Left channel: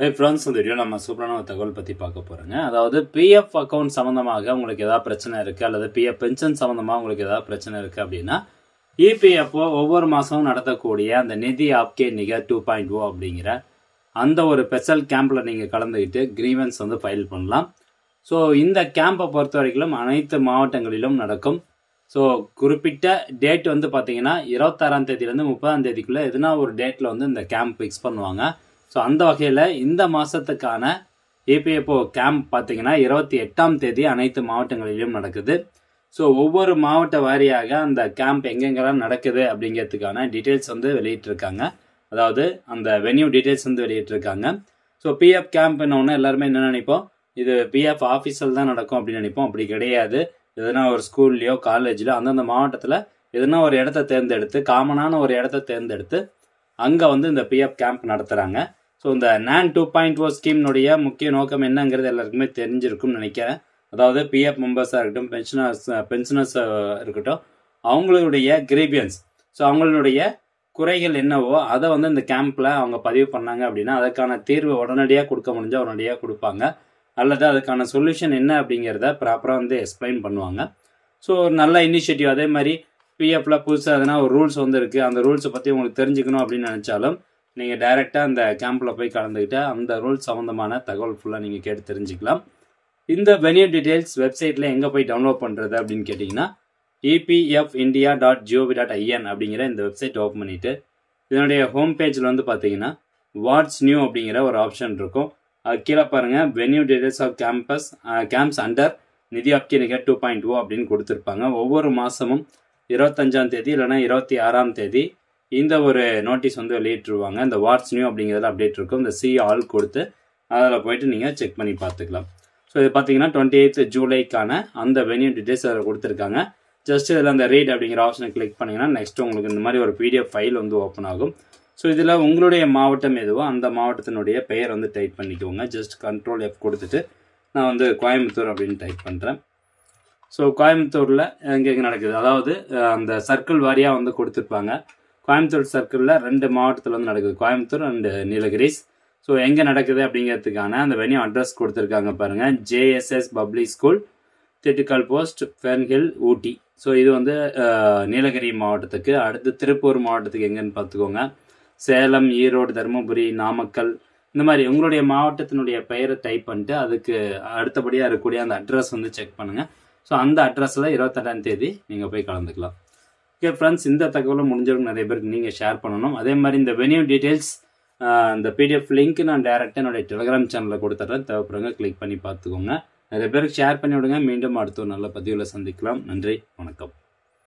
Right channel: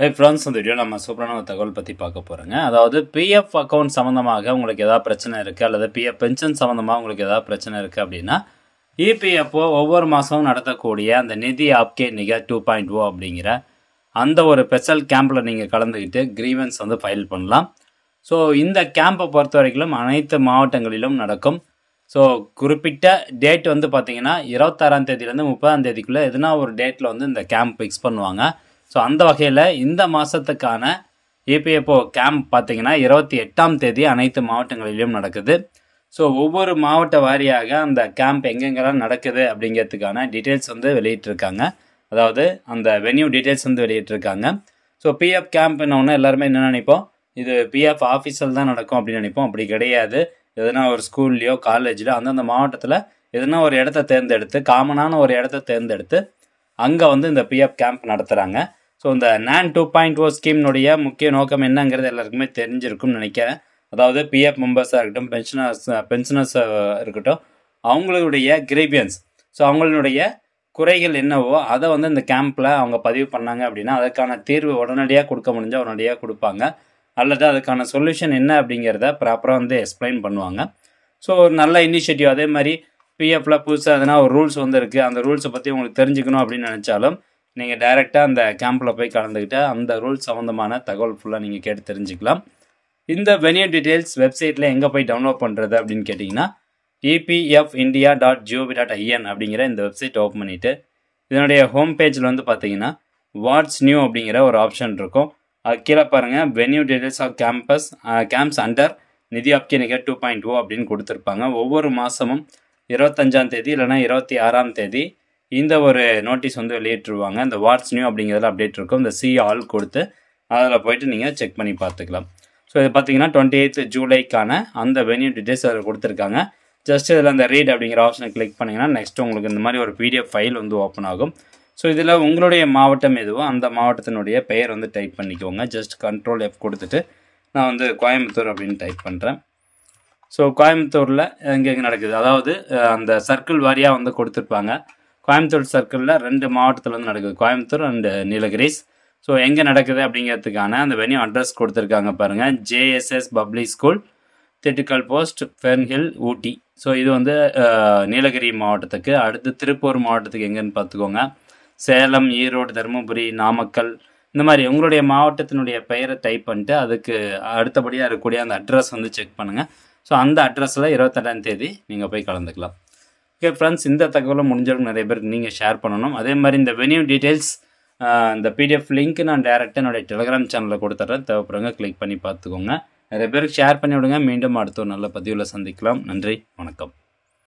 Hey friends, இந்த video நம்ம சூப்பரான ஒரு தகவல் பற்றி பார்க்க போகிறோங்க. அதாவது பிஎஃப் அக்கௌண்ட் சம்மந்தமாக உங்களுக்கு ஏதாவது பிரச்சனை இருக்குது, அல்லது பிஎஃப் பென்ஷன் சம்மந்தமாக உங்களுக்கு ஏதாவது பிரச்சனை இருக்குது அப்படின்னா, இபிஎஃப்ஓ ஒவ்வொரு மாதமும் நடத்தக்கூடிய அந்த நிதி ஆப்கே நிகர் 2.0 அப்படிங்கிற அந்த ஒரு ஸ்பெஷல் கேம்பில் நீங்கள் கலந்துக்கிட்டு கிரீவன்ஸ் வந்து ஃபைல் பண்ணலாம். ஸோ இந்த கேம்பை பொறுத்த வரைக்கும் அனைத்து மாவட்டங்களிலும் நடக்கும். ஸோ குறிப்பிட்ட டேட் வந்து பார்த்தீங்கன்னா 26ஆம் தேதியிலேருந்து 30ஆம் தேதிக்குள்ளே எதுனா ஒரு டேட்டில் வந்து இந்த கேம்ப் ஃபிக்ஸ் பண்ணுவாங்க. ஸோ அந்த வகையில் இந்த மாதத்துக்கான இபிஎஃப்ஓ கேம்ப் பார்த்தீங்கன்னா 28ஆம் தேதி அனைத்து மாவட்டங்களிலும் நடக்குது. ஸோ ஒவ்வொரு மாவட்ட வாரியாக அந்த கேம்ப் எங்கெங்கெல்லாம் நடக்குது அப்படிங்கிறதுக்கான டீட்டெயில்ஸ் வந்து வெளியிட்டிருக்காங்க. அதாவது அந்த வென்யூ டீட்டெயில்ஸ் வந்து வெளியிட்டிருக்காங்க. ஸோ பிஎஃப் கேம்ப்னு எல்லாருமே என்ன நினைப்போம், இது பிஎஃப் ஆஃபீஸில் தான் நடக்கும் அப்படின்னு நினைப்போம். அப்படி கிடையாது. எதுனா ஒரு ஸ்கூல்லையோ காலேஜ்லையோ அந்தந்த மாவட்டத்தில் எதுனா ஒரு இடத்த தேர்ந்தெடுத்து, காமனான ஒரு இடத்த தேர்ந்தெடுத்து அங்கே வந்து இந்த பிஎஃப் கேம்ப் நடத்துகிறாங்க. ஸோ இந்த NAN 2.0 ஸ்கீம்னுடைய முக்கிய நோக்கம் என்னங்கிறது எல்லாருக்குமே தெரிஞ்சிருக்கும்னு நினைக்கிறேன். அதாவது பிஎஃப் மெம்பர்ஸாக இருக்கட்டும், பென்ஷனர்ஸாக இருக்கட்டும், அவங்களுடைய கிரீவியன்ஸ், ஸோ அவங்களுடைய குறைகள் என்னவோ அதை வந்து இந்த கேம்பில் அவங்க பதிவு பண்ணாங்க அப்படின்னா அதுக்கான தீர்வு உடனடியாக கொடுக்க முடிஞ்சால் உடனடியாக கொடுப்பாங்க. அல்லது அதுக்கான சொல்யூஷன் என்ன அப்படிங்கிறத ப்ராப்பராக வந்து எக்ஸ்பிளைன் பண்ணுவாங்க. ஸோ ஒரு நல்ல இனிஷியேட்டிவ். அதே மாதிரி பிஎஃப்ல புதுசாக எதனா ஒரு ரூல்ஸ் வந்து இருக்குது, அந்த ரூல்ஸை பற்றி உங்களுக்கு தெரிஞ்சுக்கணும் அப்படின்னு நினச்சாலும் நீங்கள் டைரெக்டாக அந்த கேம்பில் போய் கலந்துக்கிட்டு அந்த ரூல்ஸ் சம்மந்தமான தகவல் ஃபுல்லாக நீங்கள் கேட்டு தெரிஞ்சுக்கலாம். இந்த வென்யூ டீட்டெயில்ஸ் வெப்சைட்டில் எங்கே போய் டவுன்லோட் பண்ணுறது அப்படின்னு கேட்டிங்கன்னா epfindia.gov.in அப்படிங்கிற இந்த வெப்சைட் ஓப்பன் பண்ணிவிட்டு இதனுடைய ஹோம் பேஜில் வந்து பார்த்தீங்கன்னா வாட்ஸ் நியூ அப்படிங்கிற ஒரு ஆப்ஷன் இருக்கும். அது கீழே பாருங்கள், venue details of camps under Nidhi Aapke நிகர் 2.0 அப்படின்னு கொடுத்துருப்பாங்க. ஒவ்வொரு மாதமும் 25ஆம் தேதி இல்லைனா 26ஆம் தேதி இந்த ஒரு நோட்டீஸ் வந்து வெளியிட்டுருவாங்க. இந்த வாட்ஸ் நியூ அப்படிங்கிறதுல அப்டேட் இருக்கும். இந்த சி ஆல் கொடுத்து அதில் போய்ட்டு நீங்கள் செக் பண்ணி பார்த்துக்கலாம். ஸோ இது பார்த்தீங்கன்னா 28 ஜூலைக்கான அந்த வென்யூ டீட்டெயில்ஸ் அதில் கொடுத்துருக்காங்க. ஜஸ்ட் இதில் அந்த ரீட் அப்படிங்கிற ஆப்ஷனை கிளிக் பண்ணிங்கன்னா நெக்ஸ்ட்டு உங்களுக்கு இந்த மாதிரி ஒரு பிடிஎஃப் ஃபைல் வந்து ஓப்பன் ஆகும். ஸோ இதில் உங்களுடைய மாவட்டம் எதுவோ அந்த மாவட்டத்தினுடைய பெயர் வந்து டைப் பண்ணிக்கோங்க. ஜஸ்ட் Ctrl F கொடுத்துட்டு நான் வந்து கோயம்புத்தூர் அப்படின்னு டைப் பண்ணுறேன். ஸோ கோயம்புத்தூரில் எங்கெங்கே நடக்குது, அதாவது அந்த சர்க்கிள் வாரியாக வந்து கொடுத்துருப்பாங்க. கோயம்புத்தூர் சர்க்கிளில் 2 மாவட்டத்தில் வந்து நடக்குது, கோயம்புத்தூர் அண்டு நீலகிரிஸ். ஸோ எங்கே நடக்குது அப்படிங்கிறதுக்கான அந்த வென்யூ அட்ரஸ் கொடுத்துருக்காங்க பாருங்கள். JSS public school, Dindigul post, Fernhill, Ooty. So இது வந்து நீலகிரி மாவட்டத்துக்கு. அடுத்து திருப்பூர் மாவட்டத்துக்கு எங்கேன்னு பார்த்துக்கோங்க. சேலம், ஈரோடு, தருமபுரி, நாமக்கல், இந்த மாதிரி உங்களுடைய மாவட்டத்தினுடைய பெயரை டைப் பண்ணிட்டு அதுக்கு அடுத்தபடியாக இருக்கக்கூடிய அந்த அட்ரஸ் வந்து செக் பண்ணுங்கள். ஸோ அந்த அட்ரஸில் 28ஆம் தேதி நீங்கள் போய் கலந்துக்கலாம். ஓகே ஃப்ரெண்ட்ஸ், இந்த தகவலை முடிஞ்சவங்க நிறைய பேருக்கு நீங்கள் ஷேர் பண்ணணும். அதே மாதிரி இந்த வென்யூ டீட்டெயில்ஸ் இந்த பிடிஎஃப் லிங்க் நான் டேரெக்டாக என்னுடைய டெலிகிராம் சேனலில் கொடுத்துட்றேன். தேவைப்படுறவங்க கிளிக் பண்ணி பார்த்துக்கோங்க. நிறைய பேருக்கு ஷேர் பண்ணி விடுங்க. மீண்டும் அடுத்த ஒரு நல்ல பதிவில் சந்திக்கலாம். நன்றி, வணக்கம்.